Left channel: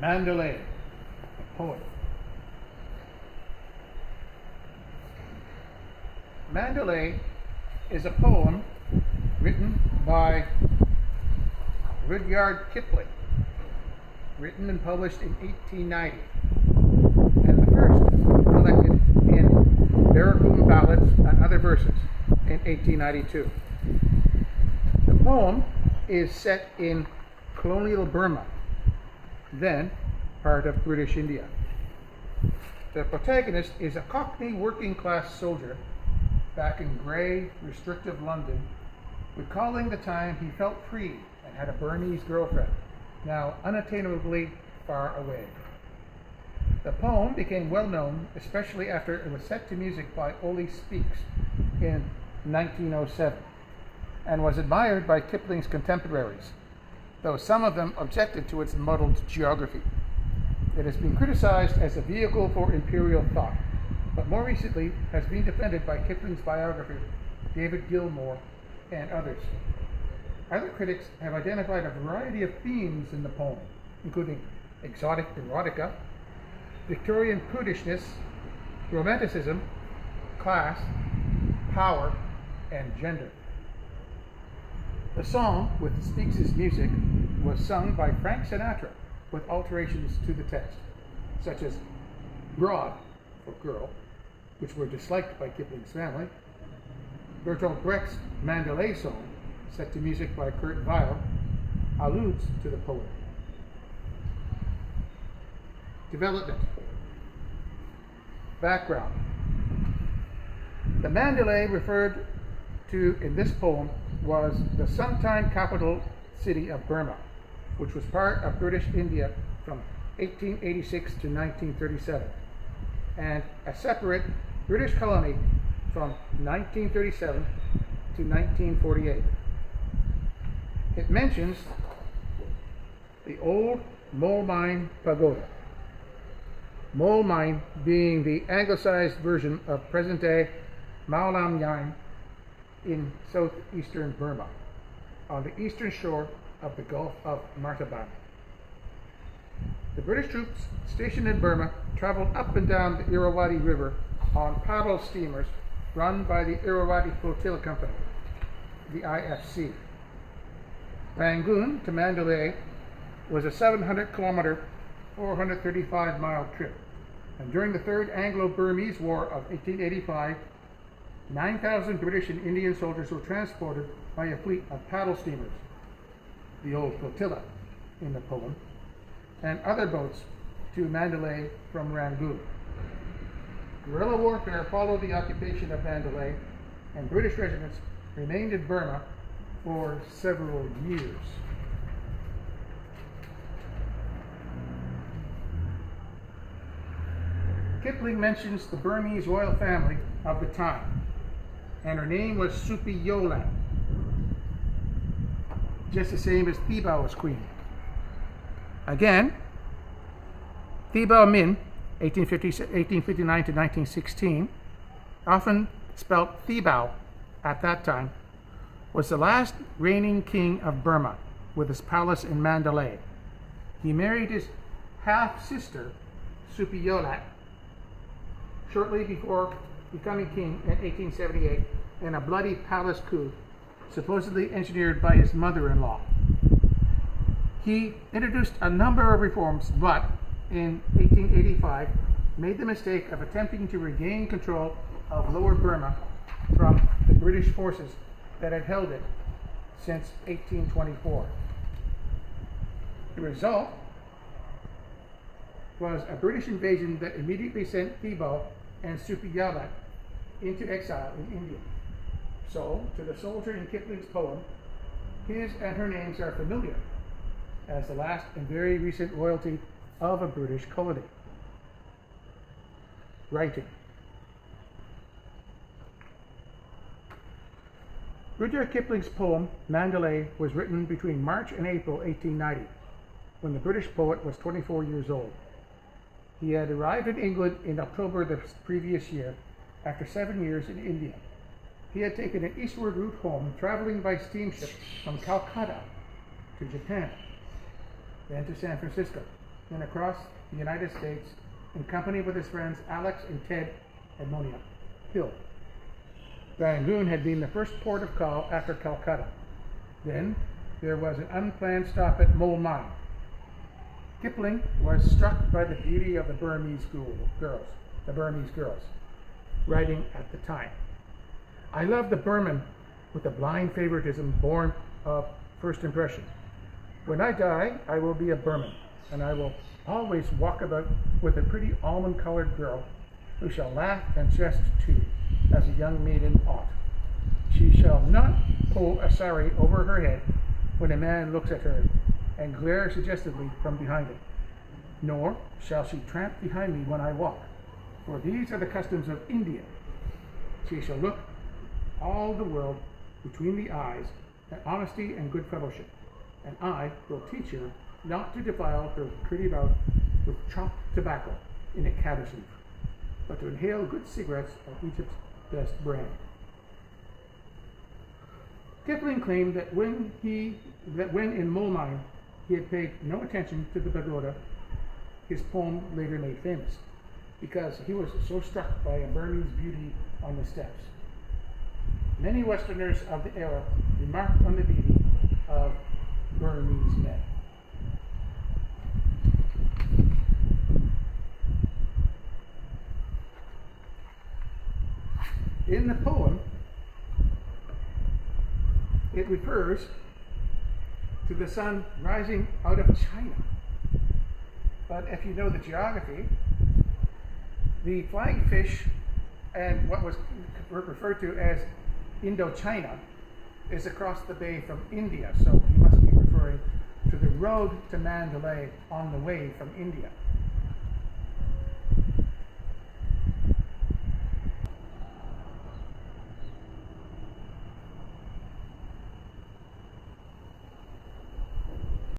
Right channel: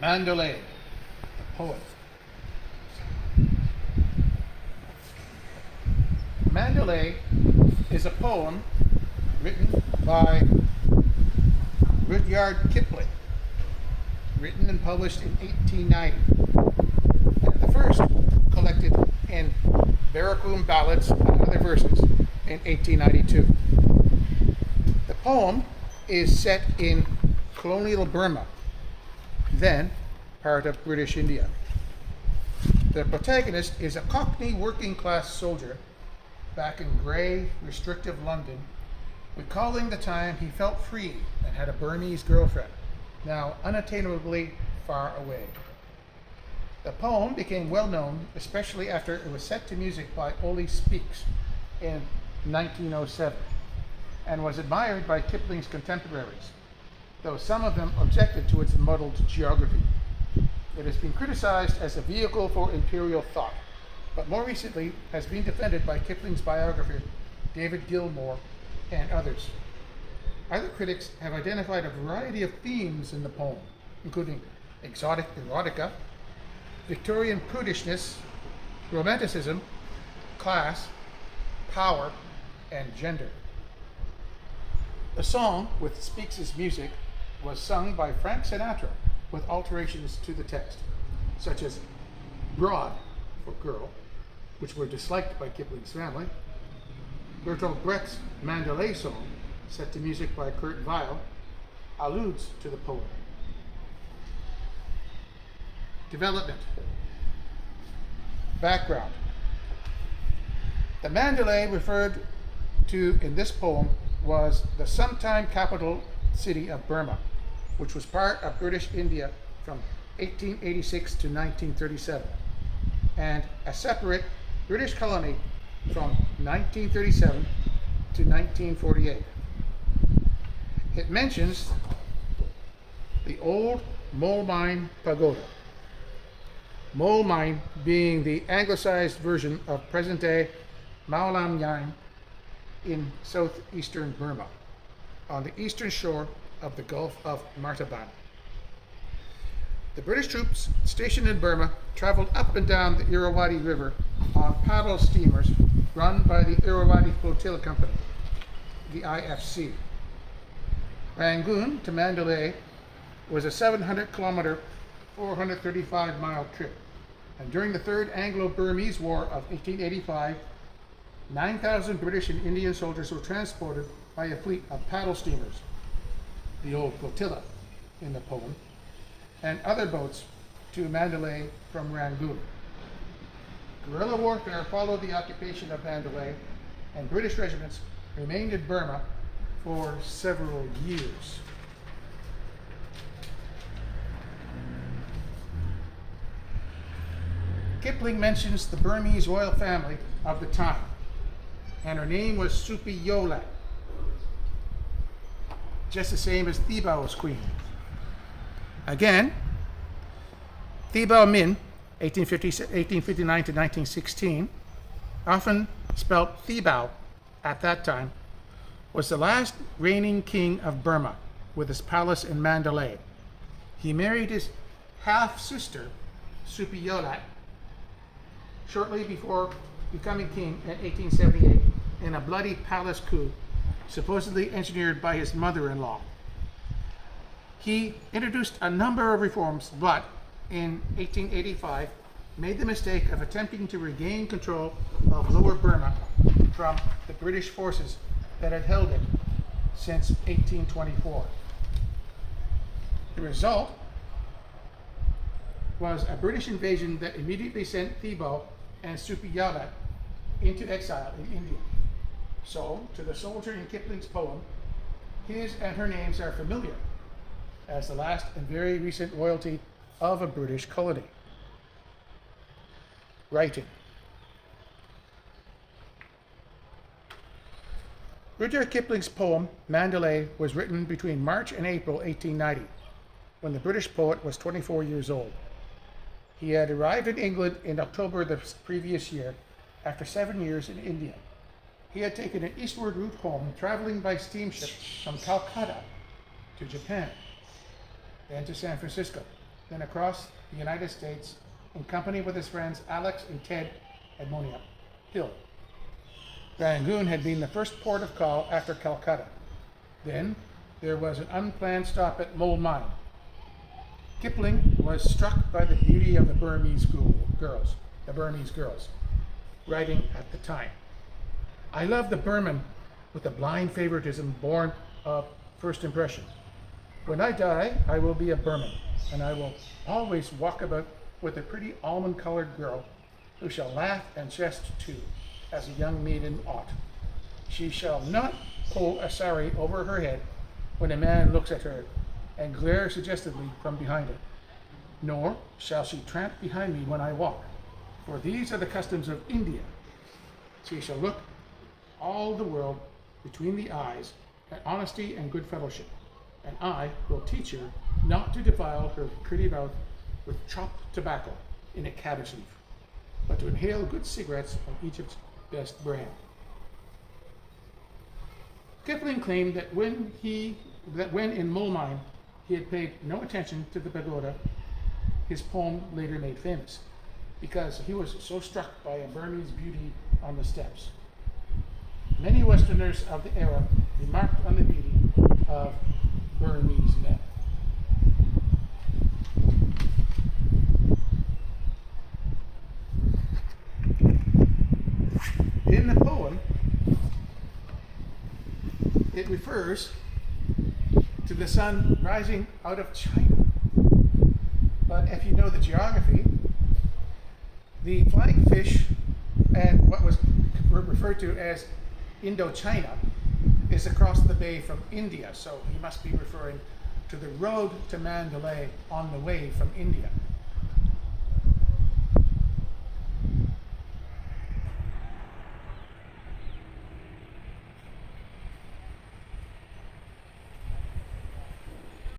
Mandalay, the poet. Mandalay is a poem written by Rudyard Kipling, written and published in 1890, and the first collected in Barracoon Ballads and Other Verses in 1892. The poem is set in colonial Burma, then part of British India. The protagonist is a Cockney working class soldier back in grey, restrictive London, recalling the time he felt free and had a Burmese girlfriend, now unattainably far away. The poem became well known, especially after it was set to music by Ole Speaks in 1907, and was admired by Kipling's contemporaries, though some of them objected to its muddled geography. It has been criticized as a vehicle for imperial thought, but more recently has been defended by Kipling's biographer, David Gilmour, and others. Other critics have identified a variety of themes in the poem, including exotic erotica, Victorian prudishness, romanticism, class, power, and gender. The song, with Speaks' music, was sung by Frank Sinatra with alterations to the text, such as Broad, for girl, which were disliked by Kipling's family. Bertolt Brecht's Mandalay song, set to music by Kurt Weill, alludes to the poem. Development. Background. The Mandalay referred to in this poem was the sometime capital city of Burma, which was part of British India from 1886 to 1937, and a separate British colony from 1937 to 1948. It mentions the old Mole Mine Pagoda. Mole Mine being the anglicized version of present-day Mao Lam Yine in southeastern Burma, on the eastern shore of the Gulf of Martaban. The British troops stationed in Burma traveled up and down the Irrawaddy River on paddle steamers run by the Irrawaddy Flotilla Company, the IFC. Rangoon to Mandalay was a 700-kilometer, 435-mile trip, and during the Third Anglo-Burmese War of 1885, 9,000 British and Indian soldiers were transported by a fleet of paddle steamers, the old flotilla in the poem, and other boats to Mandalay from Rangoon. Guerrilla warfare followed the occupation of Mandalay, and British regiments remained in Burma for several years. Kipling mentions the Burmese royal family of the time, and her name was Supi Yola, just the same as Thibao's queen. Again, Thibaw Min, 1859 to 1916, often spelled Thibaw at that time, was the last reigning king of Burma with his palace in Mandalay. He married his half-sister, Supiyolat, shortly before becoming king in 1878 in a bloody palace coup, supposedly engineered by his mother-in-law. He introduced a number of reforms, but in 1885 made the mistake of attempting to regain control of Lower Burma from the British forces that had held it since 1824. The result was a British invasion that immediately sent Thibaw and Supiyolat into exile in India. So, to the soldier in Kipling's poem, his and her names are familiar as the last and very recent royalty of a British colony. Writing. Rudyard Kipling's poem, Mandalay, was written between March and April 1890, when the British poet was 24 years old. He had arrived in England in October the previous year, after 7 years in India. He had taken an eastward route home, traveling by steamship from Calcutta to Japan, then to San Francisco, then across the United States in company with his friends Alex and Ted Edmonia Hill. Rangoon had been the first port of call after Calcutta. Then there was an unplanned stop at Mole Mine. Kipling was struck by the beauty of the Burmese girls, writing at the time, "I love the Burman with a blind favoritism born of first impression. When I die, I will be a Burman, and I will always walk about with a pretty almond-colored girl who shall laugh and jest too, as a young maiden ought. She shall not pull a sari over her head when a man looks at her and glare suggestively from behind it, nor shall she tramp behind me when I walk, for these are the customs of India. She shall look all the world between the eyes at honesty and good fellowship, and I will teach her not to defile her pretty mouth with chopped tobacco in a cabbage leaf, but to inhale good cigarettes of Egypt's best brand." Kipling claimed that when in Mole Mine he had paid no attention to the pagoda his poem later made famous, because he was so struck by a Burmese beauty on the steps. Many Westerners of the era remarked on the beauty of Burmese men. In the poem, it refers to the sun rising out of China. But if you know the geography, the flying fish and what was referred to as Indochina is across the bay from India, so he must be referring to the road to Mandalay on the way from India.